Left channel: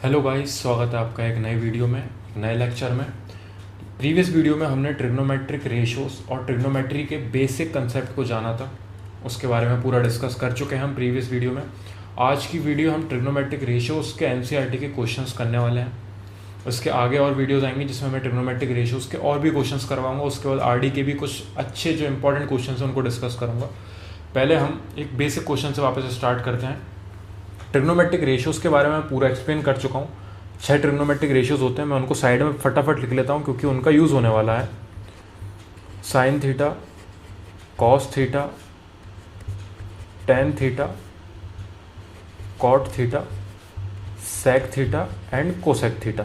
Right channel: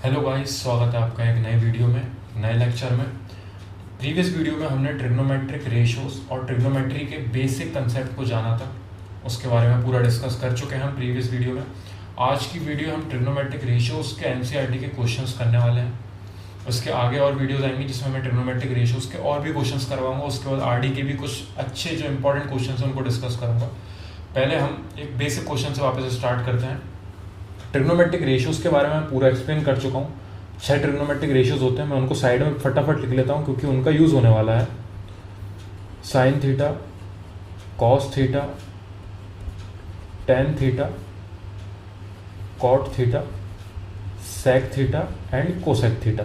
Hello guys, स्वागत है आपका एक नए वीडियो में, नए लेक्चर में। प्रीवियस वीडियो में हमने ट्रिग्नोमेट्रिक रेशियोज और ट्रिग्नोमेट्री के बेसिक कंसेप्ट को जाना था, उसके बारे में पूरा डिस्कस कर चुके हैं हम प्रीवियस वीडियो में। आज की वीडियो हम ट्रिग्नोमेट्रिक रेशियोज के एनसीईआरटी के क्वेश्चंस करने वाले हैं। उसके आगे और वीडियोज़ आएंगी जिसमें मैं ट्रिग्नोमेट्रिक रेशियोज के और भी क्वेश्चंस करवाऊंगा। उसके बाद आरडी के भी कुछ अच्छे जो इंपॉर्टेंट क्वेश्चन हैं उनको डिस्कस करूँगा। पहले हम एक बेसिक क्वेश्चन से वापस स्टार्ट करते हैं। ट्रिग्नोमेट्रिक रेशियोज के बारे में मैं पूरा एक्सप्लेन कर चुका हूँ। 6 ट्रिग्नोमेट्रिक रेशियोज होते हैं, मैं उनको साइड में फटाफट लिख लेता हूँ क्योंकि उनका यूज़ होने वाला है। Sine theta, cos theta, tan theta, cot theta, sec theta and cosec theta.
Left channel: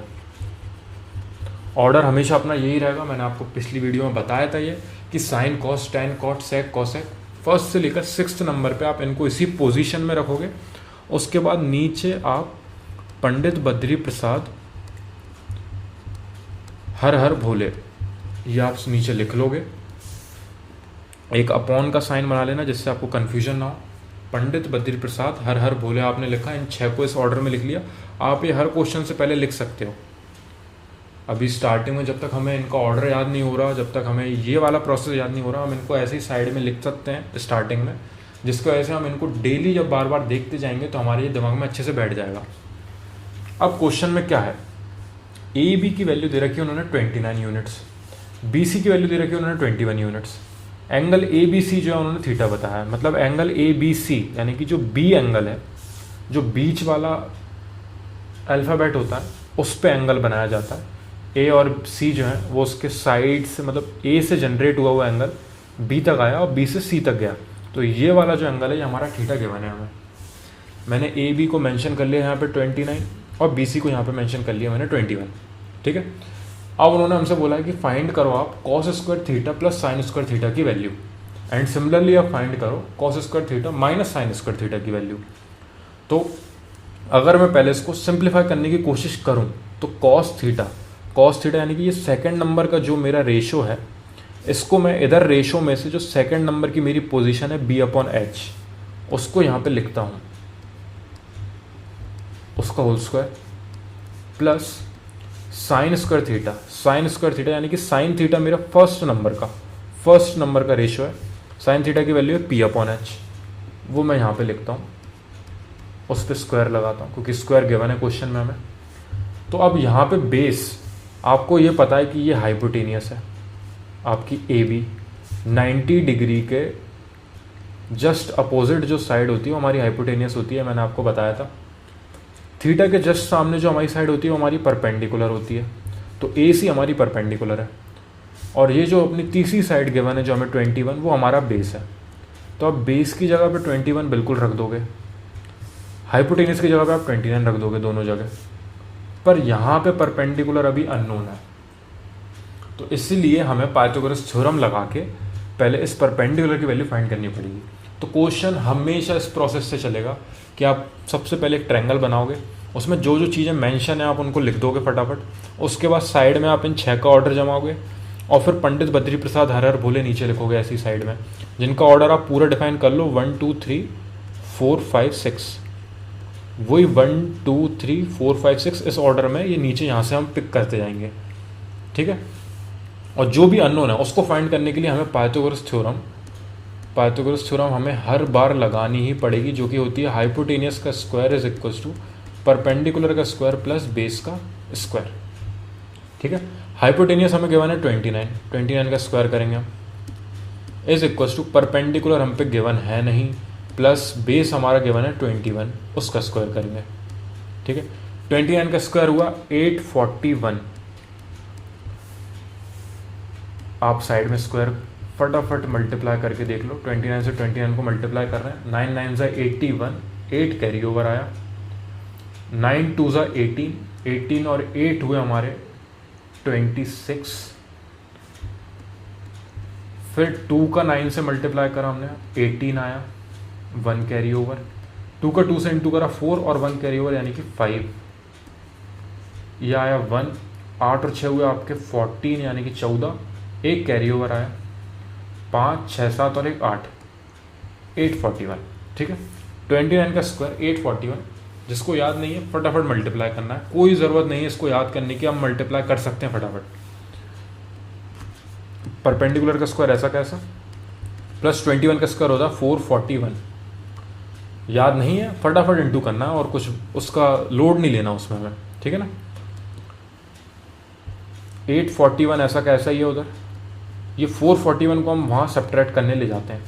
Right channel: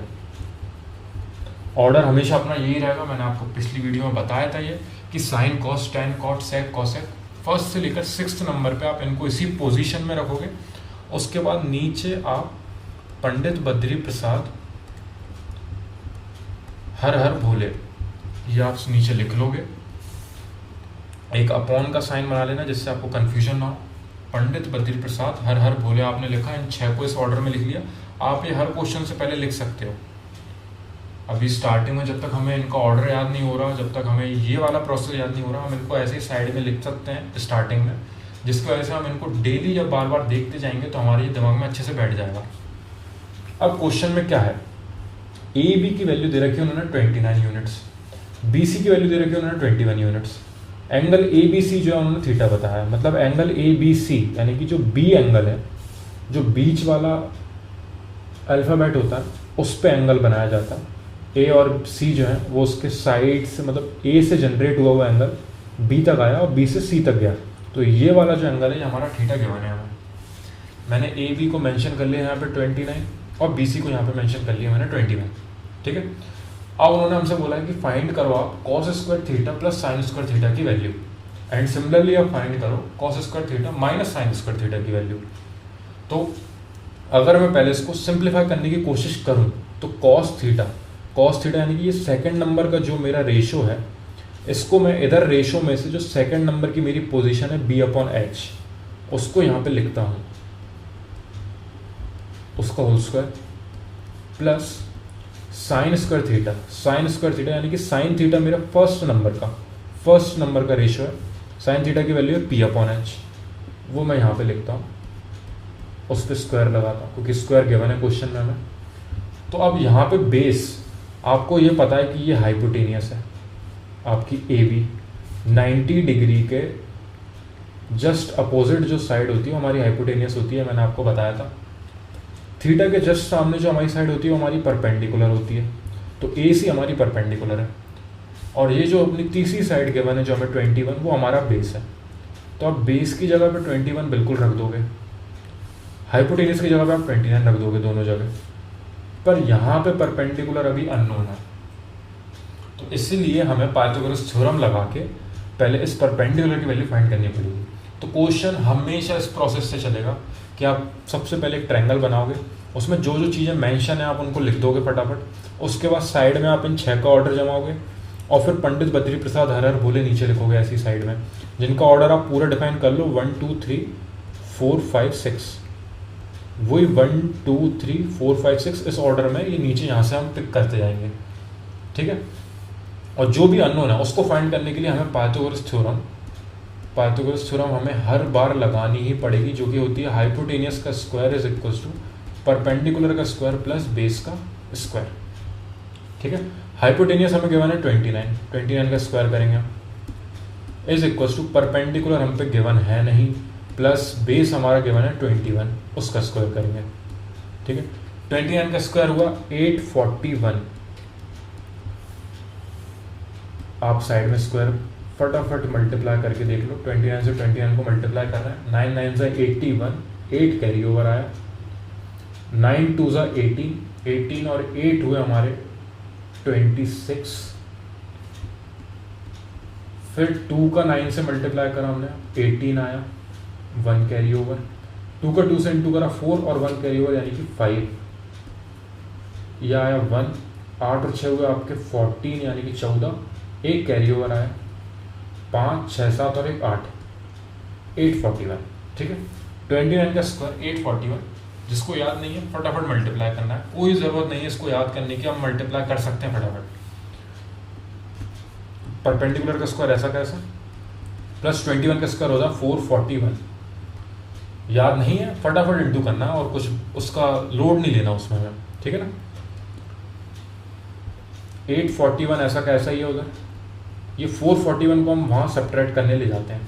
Order हमेशा अपना यही रहेगा। मैंने आपको पिछली वीडियो में बताया था ये कि साइन, कॉस, टेन, कॉट, सेक, कोसेक फर्स्ट से लेकर 6th नंबर पे आप इनको इसी पोजीशन में रखोगे। उसके बाद नीचे आप पंडित बद्री प्रसाद हर हर भोले ये आप नीचे लिख लोगे। एक अपॉन का साइन बना लेना जिससे आपको कंफ्यूजन ना हो। पंडित बद्री प्रसाद हर हर भोले आपने लिखा, इन 6 को इस ऑर्डर में लिख लिया। आप ये हर क्वेश्चन से पहले लिख सकते हो। अभी स्टार्टिंग में जब तक हमें इनका ऑर्डर याद नहीं हो रहा, जब तक हमें ये वाला प्रोसेस याद नहीं हो रहा, हम इनको ऐसे ही साइड में लिख सकते हैं स्टार्टिंग में, जिसकी वजह से हम इनको डेली जब बार बार देखते जाएंगे तो हमारे ये दिमाग में अच्छे से बैठ जाएगा। अब क्वेश्चन में क्या है, ए बी की वैल्यू दे रखी है उन्होंने 29 यूनिट्स, बी सी की वैल्यू दे रखी है उन्होंने 21 units. Angle A B C जो है उन्होंने थीटा बताया है, मतलब एंगल ए बी सी यानी कि जो बी एंगल है, जो बीच वाला अल्फ़ाबेट होता है उस पर एंगल बनाया जाता है। ए और सी जो है वो उसके साइड से, मतलब ए से जनरेट हुआ हुआ एंगल बी तक आया और बी से सी तक गया, तो ये वाला जो एंगल है ये हमारा थीटा गिवन है हमें। मैंने ए बी को मेंशन कर लिया यहाँ पे 29 और बी सी को यहाँ पे मेंशन कर लिया मैंने 21। ठीक है। अब उन्होंने हमसे बोला है कि फाइंड करो आप cos square theta plus sine square theta की वैल्यू, एंड सिमिलरली आप फाइंड करो cos square theta minus sign square theta की वैल्यू। तो अगर मैं पहले इसको सिंप्लीफाई करने की कोशिश करूँ तो कॉस थीटा यानी कि ये सेकेंड नंबर का जो मेरा रेशो है, इसको मैं इधर रेशो में से जो सेकंड नंबर की मेरी पोजीशन है बी अपॉन एच, उसको यहाँ पे लिखता हूँ, उसका whole square plus sine square theta यानी कि साइन थीटा मेरा फर्स्ट नंबर का रेशो है। साइन थीटा की वैल्यू है पी अपॉन एच, वो मैं यहाँ पे लिखता हूँ, उस पर स्क्वायर लगाता हूँ क्योंकि स्क्वायर गिवन है क्वेश्चन में हमें। तो अब यहाँ पे बेस आपको ये पता है कि ये हाइपोटेनियस है आपकी ए बी, 90 डिग्री के जस्ट अपोजिट जो साइड होती है वो हमारी हाइपोटेनियस होती है, मैंने आपको बताया था। थीटा के जस्ट सामने जो हमारी साइड होती है वो हमारी परपेंडिकुलर होती है, तो ए सी हमारी परपेंडिकुलर है। और ये जो अपनी तीसरी साइड गिवन है जो हमें 21, वो हमारा बेस है। तो आप बेस की जगह पे 21 बिल्कुल रख दोगे, हाइपोटेनियस की जगह पे आप 29 रख दोगे दोनों जगह पर। यहाँ पे परपेंडिकुलर अभी अननोन है, तो इसीलिए हमें पाइथागोरस थ्योरम लगा के पहले इस परपेंडिकुलर की वैल्यू फाइंड करनी पड़ेगी। तो क्वेश्चन हमेशा इस प्रोसेस से चलेगा कि आप सबसे पहले एक ट्रायंगल बनाओगे, उसमें जो जो चीज़ें मेंशन है आप उनको लिख दोगे फटाफट। उसके बाद साइड में आप इन 6 का ऑर्डर जमाओगे और फिर पंडित बद्री प्रसाद हर हर भोले नीचे लिखोगे ऐसी साइड में, जिनका ऑर्डर आप पूरा डिफाइन कर लो 1 2 3 4 5 6, वही 1 2 3 4 5 6 इस ऑर्डर में ये नीचे यहाँ से हम पिक करते जाएंगे। ठीक है। और जो भी अननोन है उसको फाइंड करने के लिए हमें पाइथागोरस थ्योरम हमें हर बार लगानी ही पड़ेगी, जो कि होती है हाइपोटेनियस का square is equal to perpendicular का स्क्वायर प्लस बेस का स्क्वायर। ठीक है। हाइपोटेनियस हमें गिवन है 29 का स्क्वायर करेंगे इज इक्वल टू परपेंडिकुलर हम पे गिवन है नहीं, प्लस बेस हमारा गिवन है 21, उसका स्क्वायर करेंगे। ठीक है। 29 का स्क्वायर हुआ 841। आप साइड में स्क्वायर फटाफट मल्टीप्लाई करके देख लो, 29 से 29 को मल्टीप्लाई कर रहे हैं, 9 9 से 81, 8 कैरी ओवर आया, 9 2 से 18 और 8 हुए हमारे 26। फिर 2 का 9 से मल्टीप्लाई करा हमने, 18 आया, 1 कैरी ओवर, 2 का 2 से इंटू करा 4 और 1 कैरी ओवर यानी कि 5, यह आया 1, 8 और 6 हुए आपके 14 यानी कि 14, एक कैरी ओवर आया, 5 6 7 और एक 8, 841। ठीक है। 29 का स्क्वायर 841 जिसको याद नहीं है फटाफट मल्टीप्लाई करना है, कोई ज़रूरत नहीं है इसको याद करने की, हम मल्टीप्लाई कर सकते हैं फटाफट। परपेंडिकुलर का स्क्वायर ऐसा कैसा, प्लस 21 का स्क्वायर होता है 441, याद नहीं है फटाफट इंटू करना और कुछ उसका लोड नहीं लेना उसमें हमें, ठीक है ना। 841 ऐसा कैसा ही है उधर, ये 441 को हम वहाँ सब्ट्रैक्ट करने ले जाते हैं,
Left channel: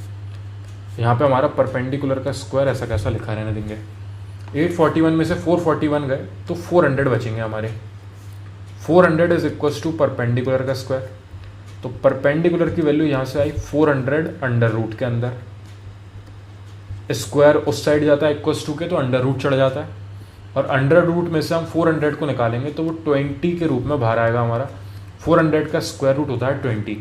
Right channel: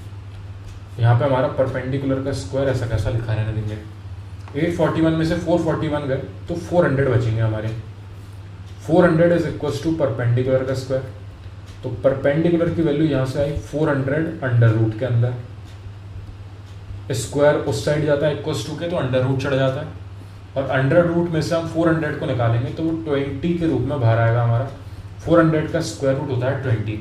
यहाँ पे हमारा परपेंडिकुलर का स्क्वायर ऐसा कैसा लिखा रहने देंगे। 841 में से 441 गए तो 400 बचेंगे हमारे, 400 इज इक्वल्स टू परपेंडिकुलर का स्क्वायर, तो परपेंडिकुलर की वैल्यू यहाँ से आई 400 अंडर रूट के अंदर, स्क्वायर उस साइड जाता है इक्वल्स टू के तो अंडर रूट चढ़ जाता है, और अंडर रूट में से हम 400 को निकालेंगे तो वो 20 के रूप में बाहर आएगा हमारा। 400 का स्क्वायर रूट होता है 20,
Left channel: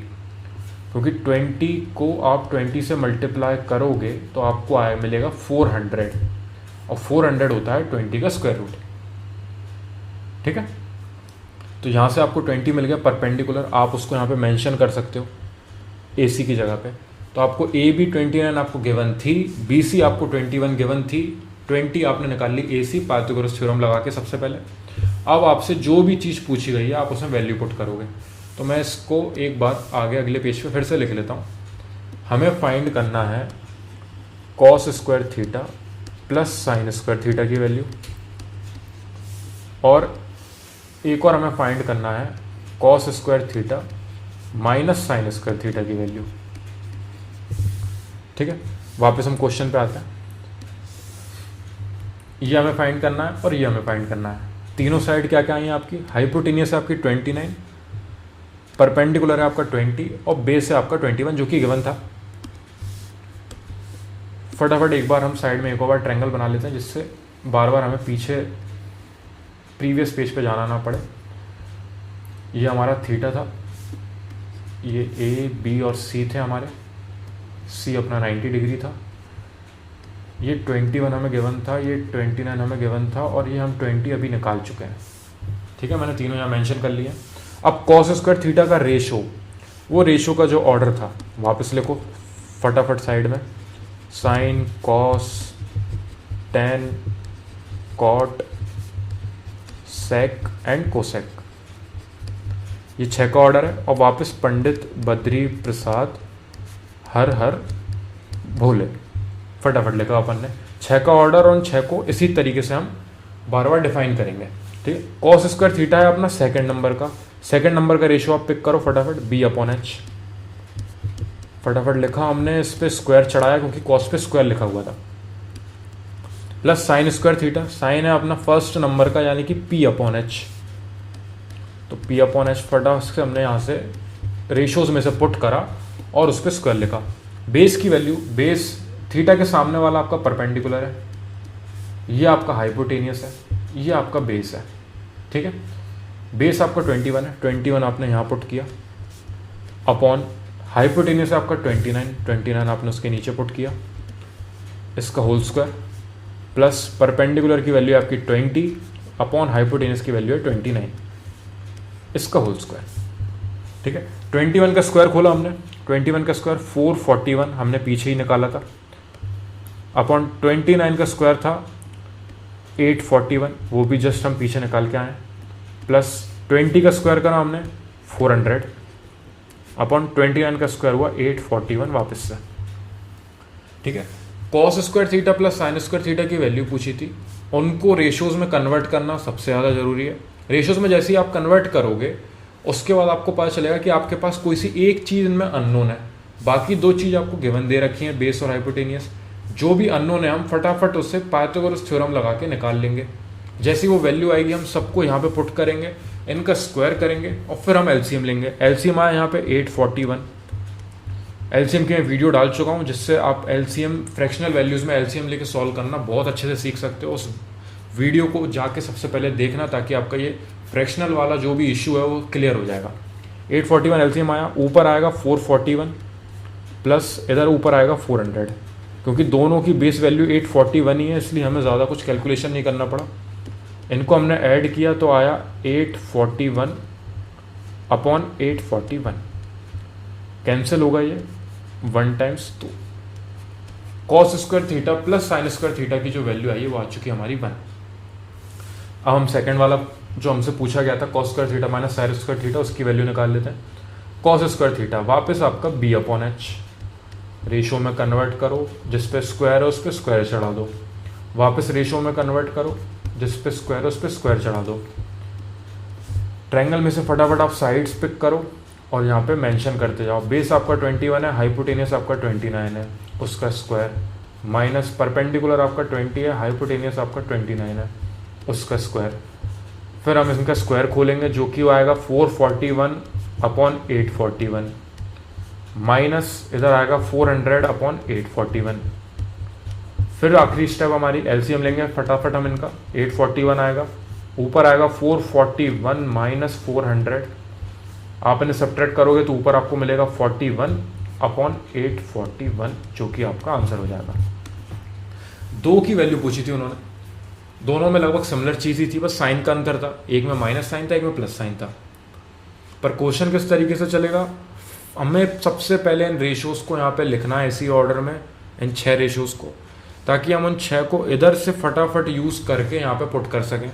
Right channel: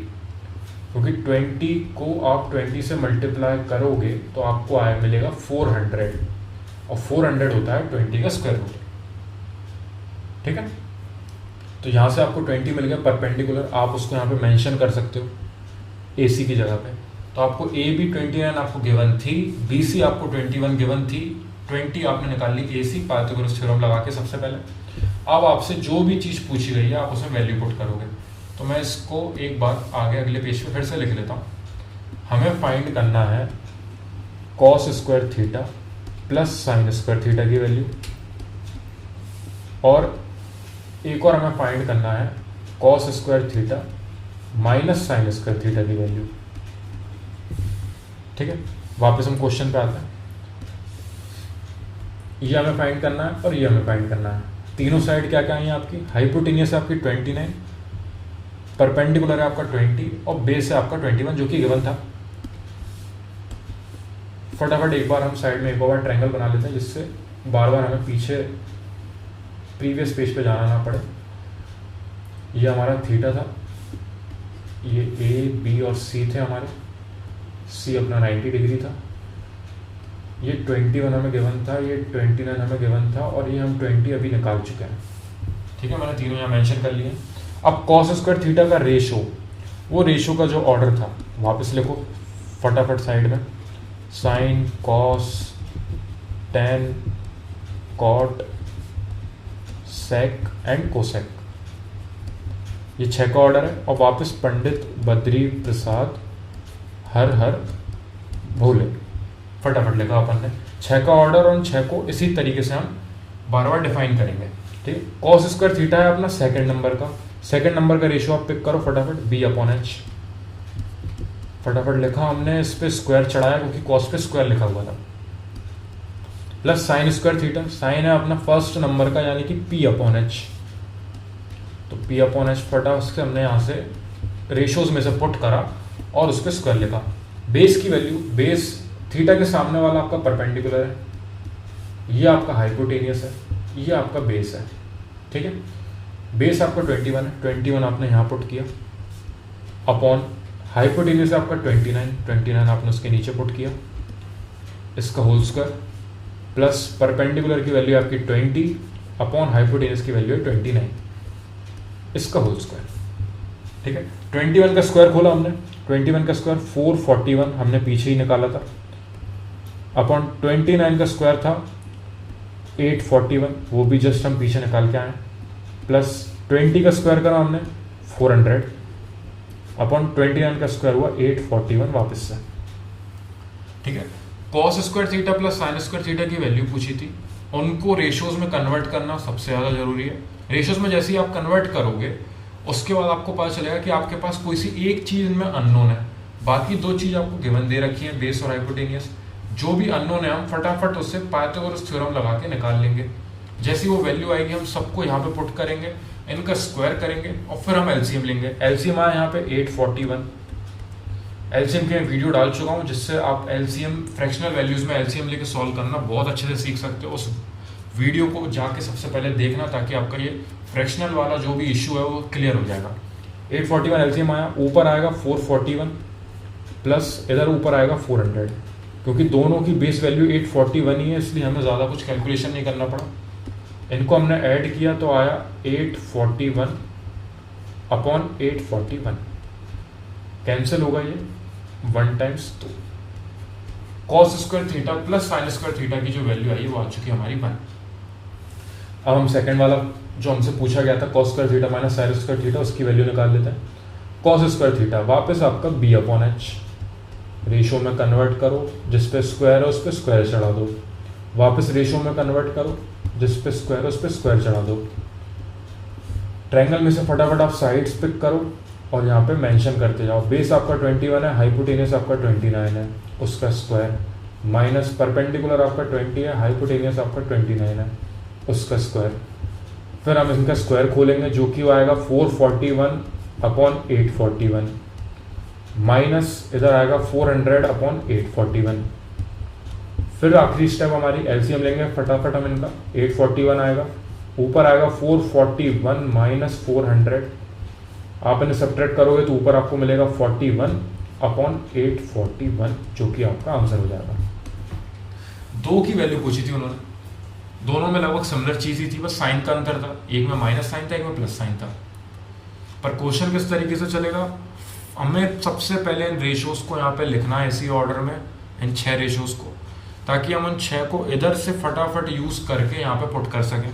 क्योंकि 20 को आप 20 से मल्टीप्लाई करोगे तो आपको आए मिलेगा 400, और 400 होता है 20 का स्क्वायर रूट, ठीक है। तो यहाँ से आपको 20 मिल गया परपेंडिकुलर, आप उसको यहाँ पे मेंशन कर सकते हो AC की जगह पे। तो आपको AB 29 आपको गिवन थी, BC आपको 21 गिवन थी, 20 आपने निकाल ली AC पाइथागोरस थ्योरम लगा के सबसे पहले। अब आपसे जो भी चीज़ पूछी गई है आप उसमें वैल्यू पुट करोगे। तो मैं इसको एक बार आगे अगले पेज पे फिर से लिख लेता हूँ। हमें फाइंड करना है cos square theta plus sine square theta की वैल्यू, और एक और हमें फाइंड करना है cos square theta minus sign square theta की वैल्यू, ठीक है। वापस हम क्वेश्चन पे आते हैं, ये हमें फाइंड करना है और ये हमें फाइंड करना है। तीनों साइड क्या क्या आई है आपकी, हाइपोटेनियस है आपकी 29, परपेंडिकुलर है आपका 20 और बेस है आपका 21 जो कि गिवन था। फटाफट एक बार हम साइड में एक और ट्रायंगल बना लेते हैं जिससे बार बार हमें पीछे प्रीवियस पेज पे जाना ना पड़े। ये हमारा थीटा था, ये A, B और C थे हमारे, C अपना 90 डिग्री था, ये 21 हमें गिवन था, ये 29 हमें गिवन था, और ये हम 20 अभी निकाल चुके हैं, ठीक है। मैंने तीनों यहाँ मेंशन कर लिए। अब कॉस स्क्वायर थीटा का रेशो, वो रेशो का जो ऑर्डर था वापस लिखो फटाफट साइड में, sine cos tan cot sec and cosec, ये 6 का ऑर्डर है। और वापस पंडित बद्री प्रसाद हर हर भोले, फटाफट लिखा अपन ने 6 का ऑर्डर, और उन 6 को इसी तरीके से हम बार बार डिफाइन करेंगे, ठीक। कॉस स्क्वायर थीटा है अपना सेकंड नंबर का, सेकंड नंबर का रेशियो आप पिक करो फटाफट, B/H, फटाफट लिखा हमने, इस पे स्क्वायर चढ़ाया क्योंकि कॉस पे स्क्वायर लिखा हुआ था, plus sine square theta, sine है अपना फर्स्ट नंबर का यानी कि P/H, तो P/H फटाफट से हमने यहाँ से रेशियोज में से पुट करा और उस पर स्क्वायर लिखा। बेस की वैल्यू, बेस थीटा के सामने वाला आपका परपेंडिकुलर है, ये आपका हाइपोटेनियस है, ये आपका बेस है, ठीक है। बेस आपका 21 है, 21 आपने यहाँ पुट किया, अपॉन हाइपोटेनियस आपका 29 आपने उसके नीचे पुट किया, इसका होल स्क्वायर, प्लस परपेंडिकुलर की वैल्यू आपकी 20 अपॉन हाइपोटेनियस की वैल्यू है 29, इसका होल स्क्वायर, ठीक है। 21 का स्क्वायर खोला हमने, 21 का स्क्वायर 441 हमने पीछे ही निकाला था, अपॉन 29 का स्क्वायर था 841, वो भी जस्ट हम पीछे निकाल के आए, प्लस 20 का स्क्वायर करा हमने 400 अपॉन 29 का स्क्वायर हुआ 841 वापस से, ठीक है। Cos square theta plus sine square theta की वैल्यू पूछी थी, उनको रेशियोज में कन्वर्ट करना सबसे ज़्यादा जरूरी है। रेशियोज में जैसे ही आप कन्वर्ट करोगे उसके बाद आपको पता चलेगा कि आपके पास कोई सी एक चीज़ में अननोन है, बाकी 2 चीज़ आपको गिवन दे रखी है, बेस और हाइपोटेनियस। जो भी अननोन है हम फटाफट उससे पाइथागोरस थ्योरम लगा के निकाल लेंगे। जैसी वो वैल्यू आएगी हम सबको यहाँ पे पुट करेंगे, इनका स्क्वायर करेंगे और फिर हम एलसीएम लेंगे। एलसीएम आया यहाँ पे 841, एलसीएम के वीडियो डाल चुका हूँ जिससे आप एलसीएम फ्रैक्शनल वैल्यूज़ में एलसीएम लेके सॉल्व करना बहुत अच्छे से सीख सकते हो। उस वीडियो को जाके सबसे पहले देखना ताकि आपका ये फ्रैक्शनल वाला जो भी इशू है वो क्लियर हो जाएगा। 841 एलसीएम आया, ऊपर आएगा 441 प्लस इधर ऊपर आएगा 400, क्योंकि दोनों की बेस वैल्यू 841 ही है इसलिए हमें ज़्यादा कुछ कैलकुलेशन नहीं करना पड़ा। इनको हमने ऐड किया तो आया 841 अपॉन 841, कैंसिल होगा ये 1 times 2। Cos square theta plus sine square theta की जो वैल्यू आई वो आ चुकी है हमारी 1। अब हम सेकंड वाला जो हमसे पूछा गया था cos square theta minus sign square theta, उसकी वैल्यू निकाल लेते हैं। कॉस स्क्वायर थीटा वापस आपका बी अपॉन एच, रेशो में कन्वर्ट करो, जिस पे स्क्वायर है उस पर स्क्वायर चढ़ा दो, वापस रेशो में कन्वर्ट करो, जिस पे स्क्वायर है उस पर स्क्वायर चढ़ा दो। ट्रायंगल में से फटाफट आप साइड्स पिक करो और यहाँ पे मेंशन करते जाओ। बेस आपका 21 है, हाइपोटेनियस आपका 29 है, उसका स्क्वायर, माइनस परपेंडिकुलर आपका 20 है, हाइपोटेनियस आपका 29 है, उसका स्क्वायर। फिर हम इनका स्क्वायर खोलेंगे जो कि आएगा 441 अपॉन 841, माइनस इधर आएगा 400 अपॉन 841। फिर आखिरी स्टेप हमारी एलसीएम लेंगे फटाफट हम इनका। 841 आएगा, ऊपर आएगा 441 माइनस 400, आप इन्हें सब्ट्रैक्ट करोगे तो ऊपर आपको मिलेगा 41 अपॉन 841, जो कि आपका आंसर हो जाएगा। 2 की वैल्यू पूछी थी उन्होंने, दोनों में लगभग सिमिलर चीज़ ही थी, बस साइन का अंतर था, एक में माइनस साइन था एक में प्लस साइन था। पर क्वेश्चन किस तरीके से चलेगा, हमें सबसे पहले इन रेशियोज को यहाँ पे लिखना है इसी ऑर्डर में, इन 6 रेशियोज को, ताकि हम उन 6 को इधर से फटाफट यूज़ करके यहाँ पे पुट कर सकें।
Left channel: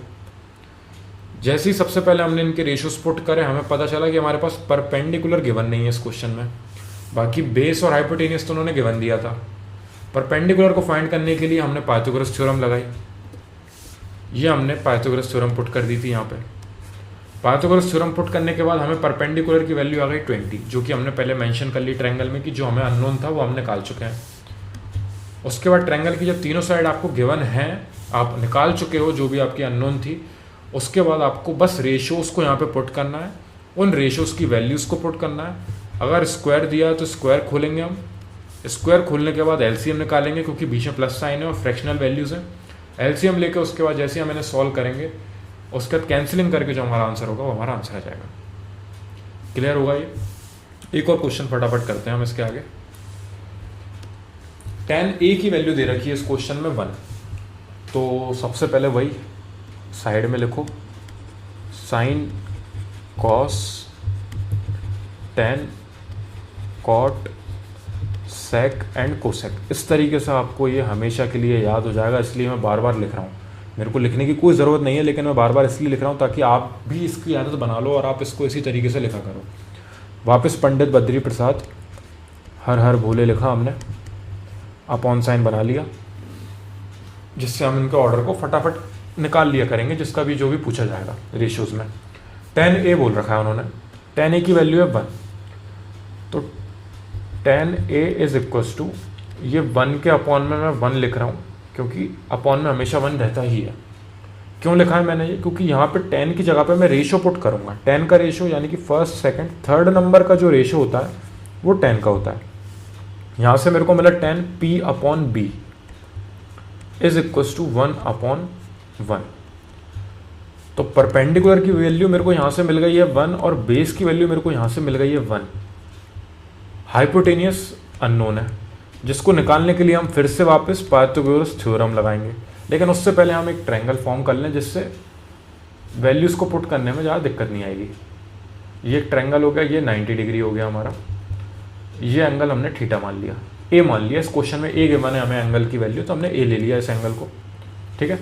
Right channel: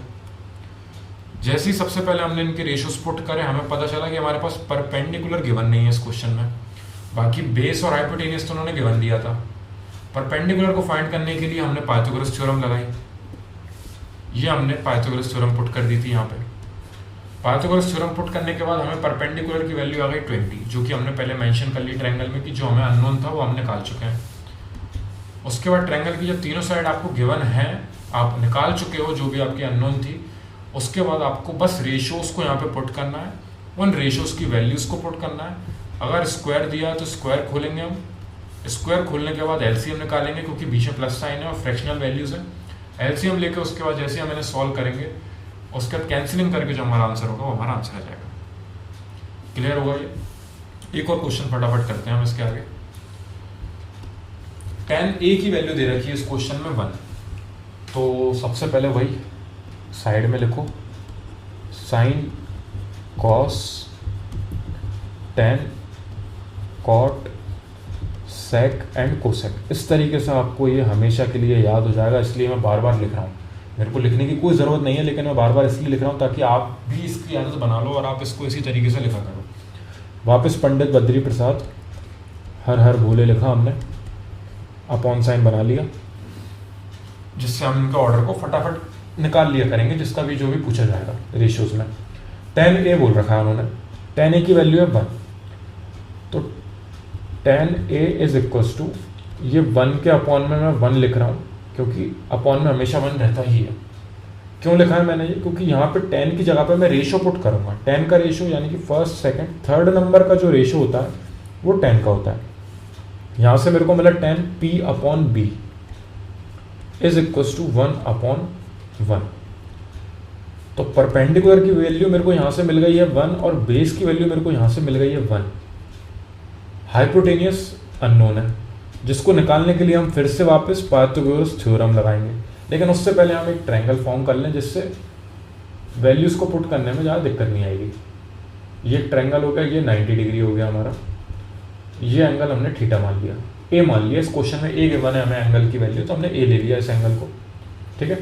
जैसे ही सबसे पहले हमने इनके रेशियोज पुट करे, हमें पता चला कि हमारे पास परपेंडिकुलर गिवन नहीं है इस क्वेश्चन में। बाकी बेस और हाइपोटेनियस तो उन्होंने गिवन दिया था। परपेंडिकुलर को फाइंड करने के लिए हमने पाइथागोरस थ्योरम लगाई, ये हमने पाइथागोरस थ्योरम पुट कर दी थी यहाँ पे। पाइथागोरस थ्योरम पुट करने के बाद हमें परपेंडिकुलर की वैल्यू आ गई 20, जो कि हमने पहले मेंशन कर ली ट्रायंगल में कि जो हमें अननोन था वो हम निकाल चुके हैं। उसके बाद ट्रायंगल की जो तीनों साइड आपको गिवन है, आप निकाल चुके हो जो भी आपकी अननोन थी। उसके बाद आपको बस रेशियोज को यहाँ पे पुट करना है, उन रेशियोज की वैल्यूज़ को पुट करना है। अगर स्क्वायर दिया है तो स्क्वायर खोलेंगे हम, स्क्वायर खोलने के बाद एलसीएम निकालेंगे क्योंकि बीच में प्लस साइन है और फ्रैक्शनल वैल्यूज़ है। एलसीएम लेके उसके बाद जैसे हम इन्हें सॉल्व करेंगे उसके बाद कैंसिलिंग करके जो हमारा आंसर होगा वो हमारा आंसर आ जाएगा। क्लियर होगा ये? एक और क्वेश्चन फटाफट करते हैं हम इसके आगे। tan a की वैल्यू दे रखी है इस क्वेश्चन में 1, तो सबसे पहले वही साइड में लिखो sine cos tan cot sec and cosec. इस तरीके से आपको ये हमेशा के लिए याद हो जाएगा, इसलिए मैं बार बार लिख रहा हूँ। मेरे को लिखने की कोई ज़रूरत नहीं है, लेकिन मैं बार बार इसलिए लिख रहा हूँ ताकि आप भी इसकी आदत बना लो और आप इसको इसी तरीके से लिखा करो। वापस पंडित बद्री प्रसाद हर हर भोले लिखा हमने, अपॉन साइन बना लिया, जिससे हम इनके ऑर्डर को फटाफट निकाल लिया करेंगे, जिसका भी जो भी पूछा जाएगा रेशियोज में। tan a बोल रखा है उन्होंने, tan a की वैल्यू है 1, तो tan a is equals to, ये 1 के अपॉन में मैं 1 लिख रहा हूँ क्योंकि अपॉन में हमेशा 1 रहता ही है। क्यों लिखा है मैंने ये? क्योंकि यहाँ पे 10 की जगह पे मैं रेशो पुट करूँगा। 10 का रेशो यानी कि फर्स्ट सेकंड थर्ड नंबर का जो रेशो होता है वो 10 का होता है। यहाँ से मेरे को मिला 10 p upon b is equals to 1 upon 1। तो परपेंडिकुलर की वैल्यू मेरे को यहाँ से मिल गई है 1 और बेस की वैल्यू मेरे को यहाँ से मिल गई है 1। हाइपोटेनियस अननोन है, जिसको निकालने के लिए हम फिर से वापस पाइथागोरस थ्योरम लगाएंगे, लेकिन उससे पहले हम एक ट्रायंगल फॉर्म कर लें जिससे वैल्यूज़ को पुट करने में ज़्यादा दिक्कत नहीं आएगी। ये ट्रायंगल हो गया, ये 90 डिग्री हो गया हमारा, ये एंगल हमने थीटा मान लिया, ए मान लिया। इस क्वेश्चन में ए गिवन है हमें एंगल की वैल्यू, तो हमने ए ले लिया इस एंगल को, ठीक है।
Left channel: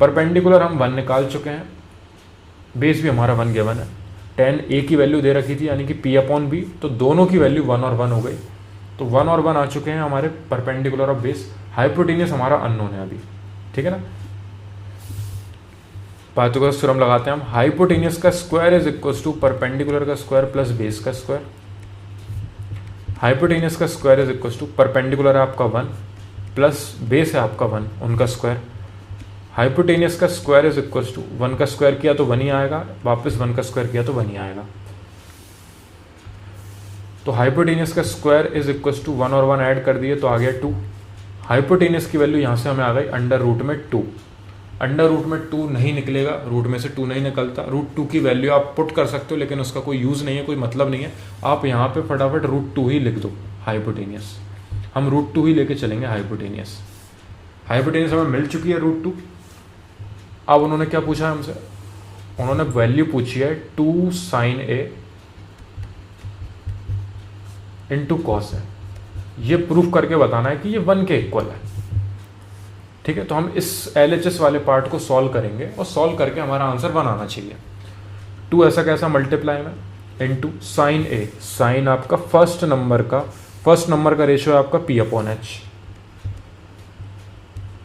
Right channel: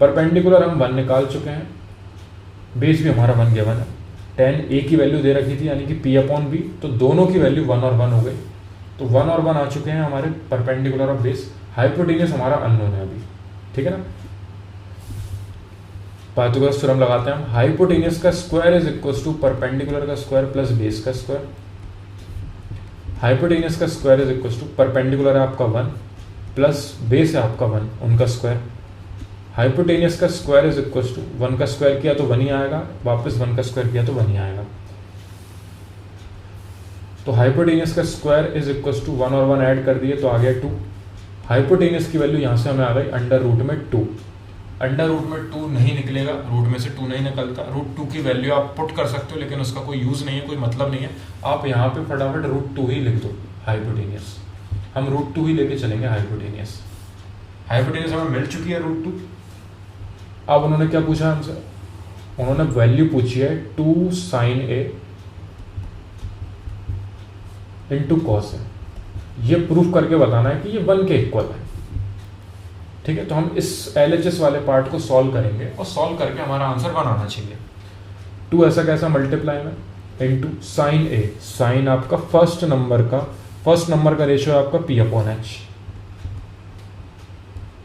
परपेंडिकुलर हम 1 निकाल चुके हैं, बेस भी हमारा 1 गिवन है। tan a की वैल्यू दे रखी थी यानी कि p अपॉन b, तो दोनों की वैल्यू 1 और 1 हो गई, तो 1 और 1 आ चुके हैं हमारे परपेंडिकुलर और बेस। हाइपोटेनियस हमारा अननोन है अभी, ठीक है ना। पाइथागोरस थ्योरम लगाते हैं हम। हाइपोटेनियस का square is equals to perpendicular का स्क्वायर प्लस बेस का स्क्वायर। हाइपोटेनियस का square is equals to perpendicular है आपका 1 प्लस बेस है आपका 1, उनका स्क्वायर। हाइपोटेनियस का स्क्वायर इज इक्वल्स टू 1 का स्क्वायर किया तो 1 ही आएगा, वापस 1 का स्क्वायर किया तो 1 ही आएगा। तो हाइपोटेनियस का स्क्वायर इज इक्वल्स टू 1 और 1 ऐड कर दिए तो आ गया 2। हाइपोटेनियस की वैल्यू यहाँ से हमें आ गई अंडर रूट में 2। अंडर रूट में 2 नहीं निकलेगा, रूट में से 2 नहीं निकलता। रूट 2 की वैल्यू आप पुट कर सकते हो, लेकिन उसका कोई यूज़ नहीं है, कोई मतलब नहीं है। आप यहाँ पे फटाफट रूट 2 ही लिख दो हाइपोटेनियस, हम रूट 2 ही लेके चलेंगे हाइपोटेनियस। हाइपोटेनियस हमें मिल चुकी है रूट 2। अब उन्होंने क्या पूछा है हमसे, उन्होंने वैल्यू पूछी है 2 साइन ए इंटू कॉस है। ये प्रूफ करके बताना है कि ये 1 के इक्वल है, ठीक है, तो हम इस LHS वाले पार्ट को सॉल्व करेंगे और सॉल्व करके हमारा आंसर 1 आना चाहिए। 2 ऐसा कैसा मल्टीप्लाई में इनटू साइन ए, साइन आपका फर्स्ट नंबर का रेशियो है आपका P/H,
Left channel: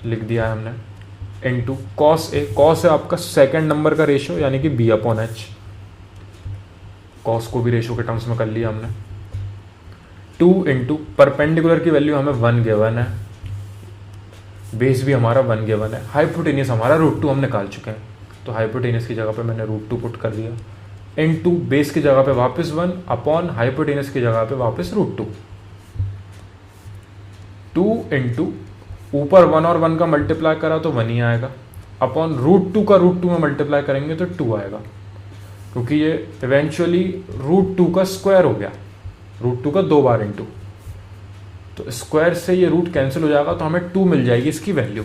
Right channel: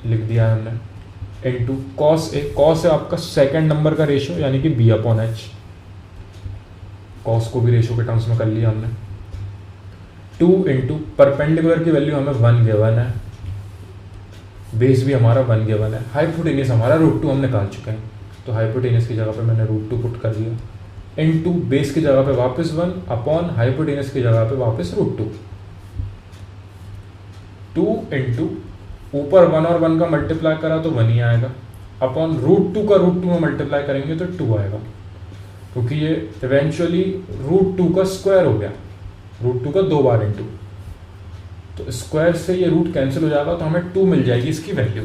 लिख दिया है हमने, इनटू कॉस ए, कॉस है आपका सेकंड नंबर का रेशियो यानी कि B/H, कॉस को भी रेशियो के टर्म्स में कर लिया हमने। 2 इंटू परपेंडिकुलर की वैल्यू हमें 1 गिवन है, बेस भी हमारा 1 गिवन है, हाइपोटेनियस हमारा √2 हम निकाल चुके हैं, तो हाइपोटेनियस की जगह पे मैंने √2 पुट कर दिया, इनटू बेस की जगह पे वापस 1 अपॉन हाइपोटेनियस की जगह पे वापस √2। 2 इंटू ऊपर 1 और 1 का मल्टीप्लाई करा तो 1 ही आएगा, अपॉन √2 का √2 में मल्टीप्लाई करेंगे तो 2 आएगा, क्योंकि ये इवेंचुअली √2 का स्क्वायर हो गया, √2 का 2 बार इंटू, तो स्क्वायर से ये रूट कैंसिल हो जाएगा तो हमें 2 मिल जाएगी इसकी वैल्यू।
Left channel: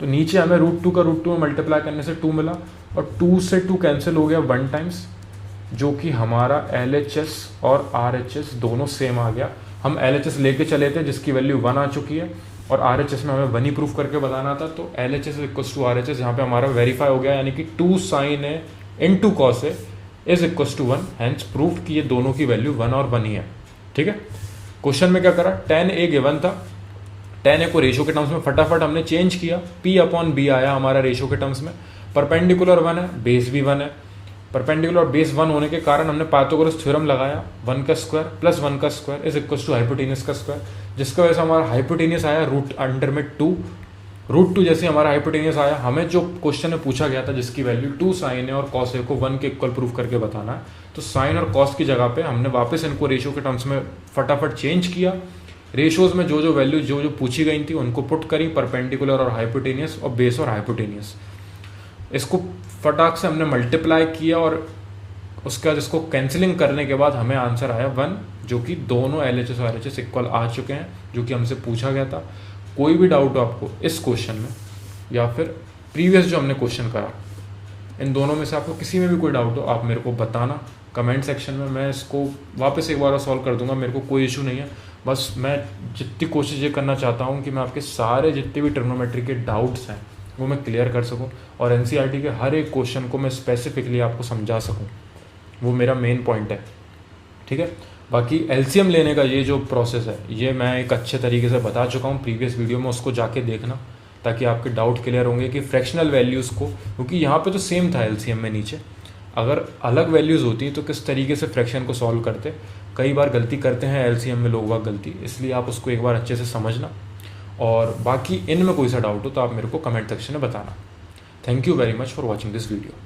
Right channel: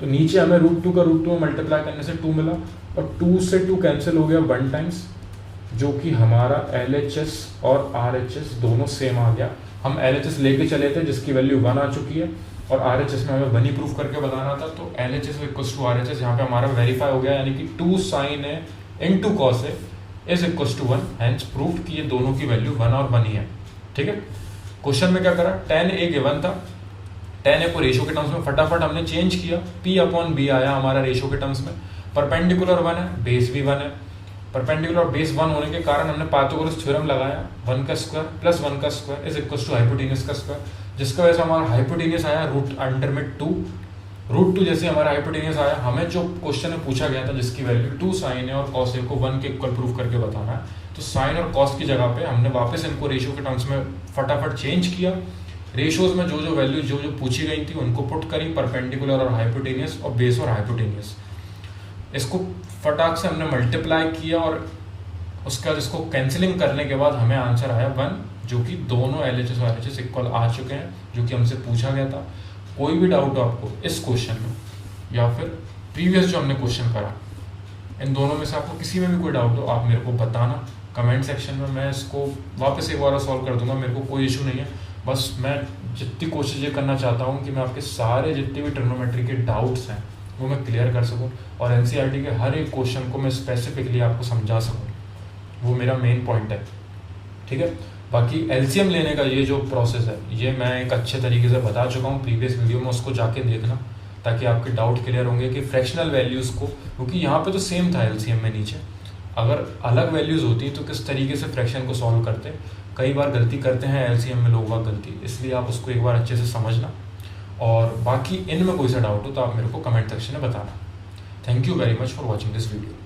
तो नीचे हमें √2 का √2 में मल्टीप्लाई करने से 2 मिला, और 2 से 2 कैंसिल हो गया 1 टाइम्स, जो कि हमारा LHS और RHS दोनों सेम आ गया। हम LHS लेके चले थे जिसकी वैल्यू 1 आ चुकी है, और RHS में हमें 1 ही प्रूफ करके बताना था, तो LHS इक्वल्स टू RHS यहाँ पे हमारा वेरीफाई हो गया, यानी कि 2 sin A into cos A is equals to 1, hence proof कि ये दोनों की वैल्यू 1 और 1 ही है। ठीक है, क्वेश्चन में क्या करा, tan A गिवन था, tan A को रेशियो के टर्म्स में फटाफट हमने चेंज किया, P/B आया हमारा रेशियो के टर्म्स में, परपेंडिकुलर 1 है, बेस भी 1 है, परपेंडिकुलर और बेस 1 होने के कारण हमने पाइथागोरस थ्योरम लगाया, 1 का स्क्वायर प्लस 1 का square is equals to hypotenuse का स्क्वायर, जिसका वजह से हमारा हाइपोटेनियस आया रूट अंडर में 2, √2 जैसे हमारा हाइपोटेनियस आया, हमें जो क्वेश्चन में पूछा गया था जिसकी वैल्यू 2 sin A और cos A को 1 के इक्वल प्रूफ करके बताना है, तो साइन और कॉस की जगह पे हमने वापस इनको रेशियो के टर्म्स में फटाफट चेंज किया, रेशियोज में जो जो वैल्यू जो पूछी गई थी उनको पुट करी, परपेंडिकुलर और हाइपोटेनियस और बेस और हाइपोटेनियस, इसको फटाक से हमने मल्टीप्लाई किया, और उसके बाद इसको कैंसिलिंग करने के बाद हमें आंसर आया 1, जो कि दोनों LHS और RHS इक्वल आ चुके हैं, जो कि हमसे पूछा गया था। कोई भी डाउट हो आपको इस क्वेश्चन में या फिर प्रीवियस जो हमने क्वेश्चन करा, इन दोनों में से आपको किसी में भी कोई डाउट हो आप मेरे को बताना कमेंट सेक्शन में, मैं इसको वापस एक बार सॉल्व कर दूंगा, मेरे को कोई इशू नहीं है। बस मैं जितनी कोशिश ये करना चाहता हूँ कि मैं आपके सारे जितने भी ट्रिग्नोमेट्री के डाउट्स हैं वो मैं क्लियर कर सकूँ, और NCERT के हर एक क्वेश्चन को मैं स्पेसिफिकली आपको समझा सकूँ, वो मेरा मेन पॉइंट है। ठीक है, बाकी LCM लेने का ये जो प्रोसेस है ये मैं एक अच्छे तरीके से बता चुका हूँ प्रीवियस वीडियो में, उसको जाके देखना ताकि आपके डाउट क्लियर होंगे कि फ्रैक्शनल वैल्यूज़ को, क्योंकि यहाँ पे तो सेम था LCM में नीचे, अगर अलग वैल्यूज़ होती तो किस तरीके से फ्रैक्शन को सॉल्व करते, कई बार गलती करते हैं LCM में लोग गलती, इसलिए आप उसको एक बार अच्छे से समझना, और बाकी इनमें कोई सा डाउट हो तो आप मेरे को कमेंट सेक्शन में बताना। Thank you very much for watching this video.